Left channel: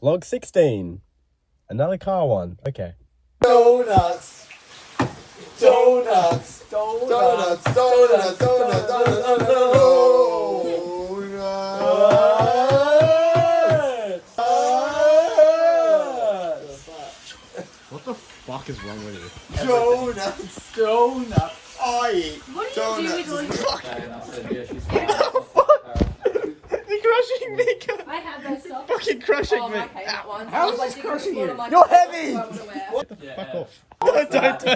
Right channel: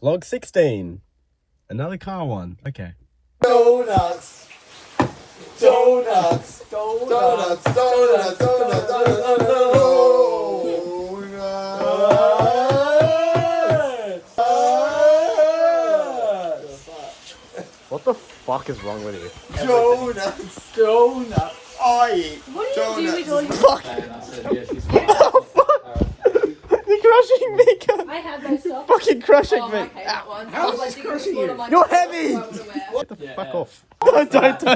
Vlog 16. Another car one. Okay. Donuts. Donuts. Donuts. Donuts. Donuts. Donuts. What the fuck is wrong with you? Donuts. Donuts. I eat donuts. Fuck! Oh, fuck! You're crushing me, God. I have those stuff. Fucking crushing me. Okay, that one. You're heavy! Get the fuck off. Don't. So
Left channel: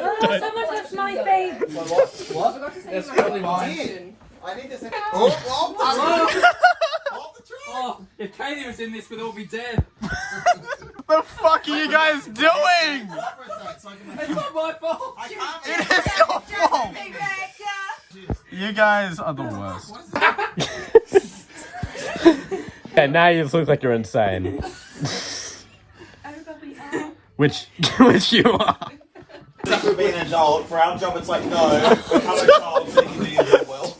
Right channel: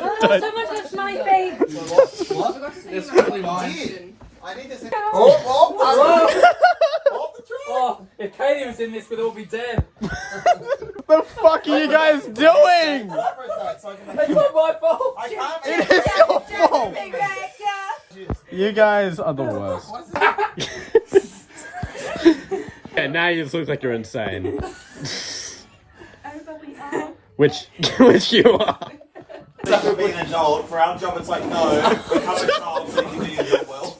much less money paid. What? It's really I need to say. Oh, if Katie was in this, we'd all be dead. The fuck are you guys doing? It's not my fault. It is your fault. You guys are the worst. Yeah, now you look like you're insane. Which you are. After being an adult, for our job, it's like, no, we're not adults, so you can do it well.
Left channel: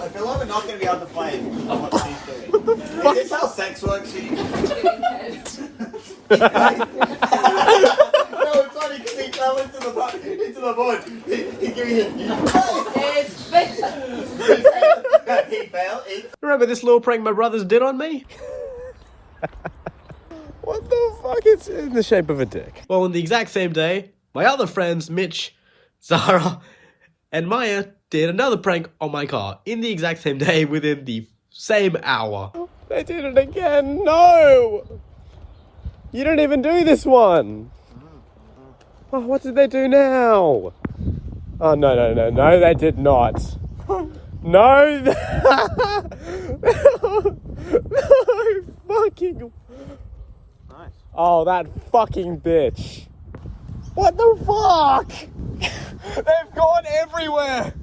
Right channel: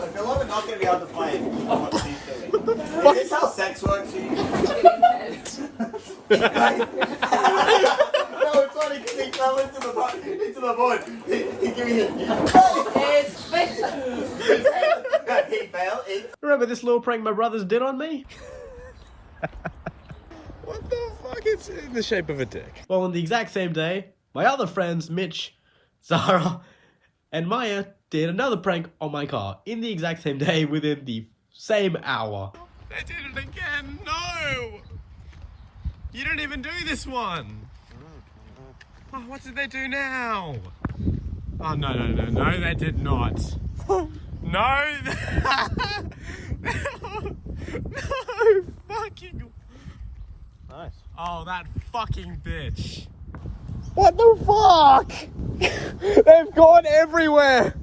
I feel like we're not going to be able to play it because of what she's doing. Is this how sex works? No, it's funny because he fell into the void. He gave me he fell in. Remember this little prank my brothers did on me? What the fuck? It's in the shape of a dick. Well, on the exact same day, my other friends, Mitch, Zara, and Maya did another prank on my car in the exact same day within the same hour. They did it again. No! You didn't even do this one. Oh, what did they do now? Oh, no, they did not. No! No, fucking... Nice. Oh, that fucking bitch. What the fuck? They've gone everywhere.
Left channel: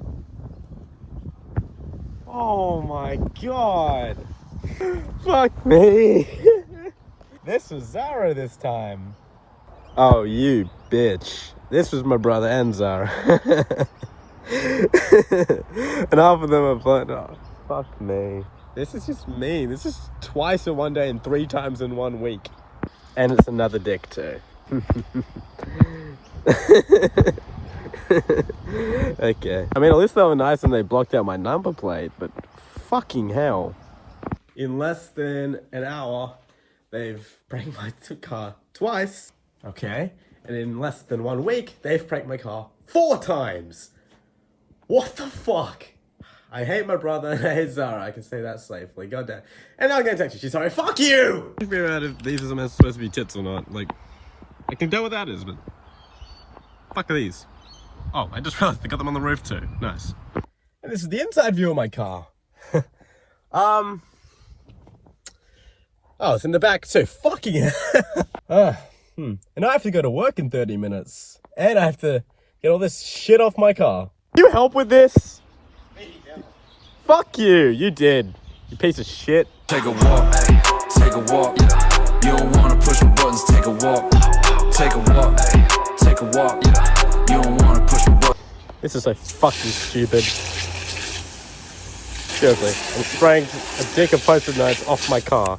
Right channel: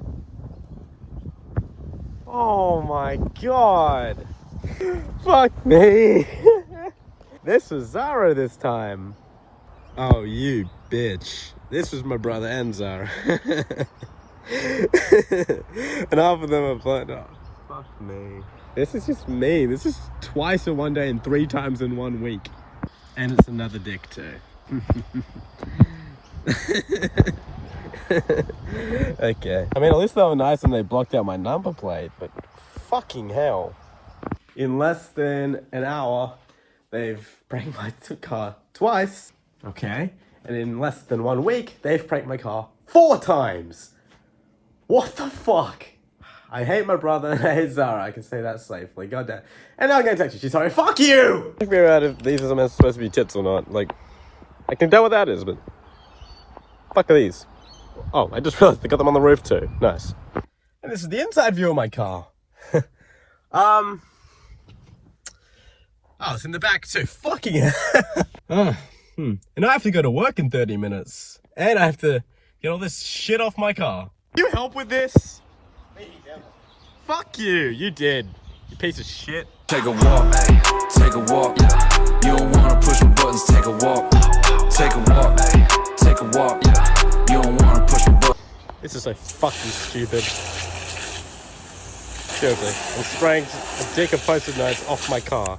Oh my god. Fuck me. This was Zara this time. Oh, you bitch. This was my brother and Zara. And half of them are fun. Oh, fuck me. This is just me. This is twice in one day and 3 times in 1 week. And it's another dick too. Okay. I mean, at least they were nice and they blocked out my number plate, but fucking hell. In less than an hour, they've pranked my car twice. Okay. And in less than 1 week, they've pranked my car 4 times. What the fuck? I hate my brother and I hate Zara. I can say that safely. Goddamn. And now I'm gonna text you. She's sorry. Fuck you! Figure out if these are supposed to be tits or not. Like, I can tell what that is, but fuck are these? Oh, I just realized they got them on the roof too. Nice. And this is the inside view of my car. Oh, it's in the back too. Fucking hell. And I have to go to work in 30 minutes. And I have to get all this shit off my car. Can you help with this? Fuck you, you did. You piece of shit. Take a walk, take a walk. You don't wanna push my buttons, take a walk. Take a walk, take a walk. You don't wanna push my buttons. This is so fucking stupid. Seriously, I'm spraying a dick of post-it notes off my car.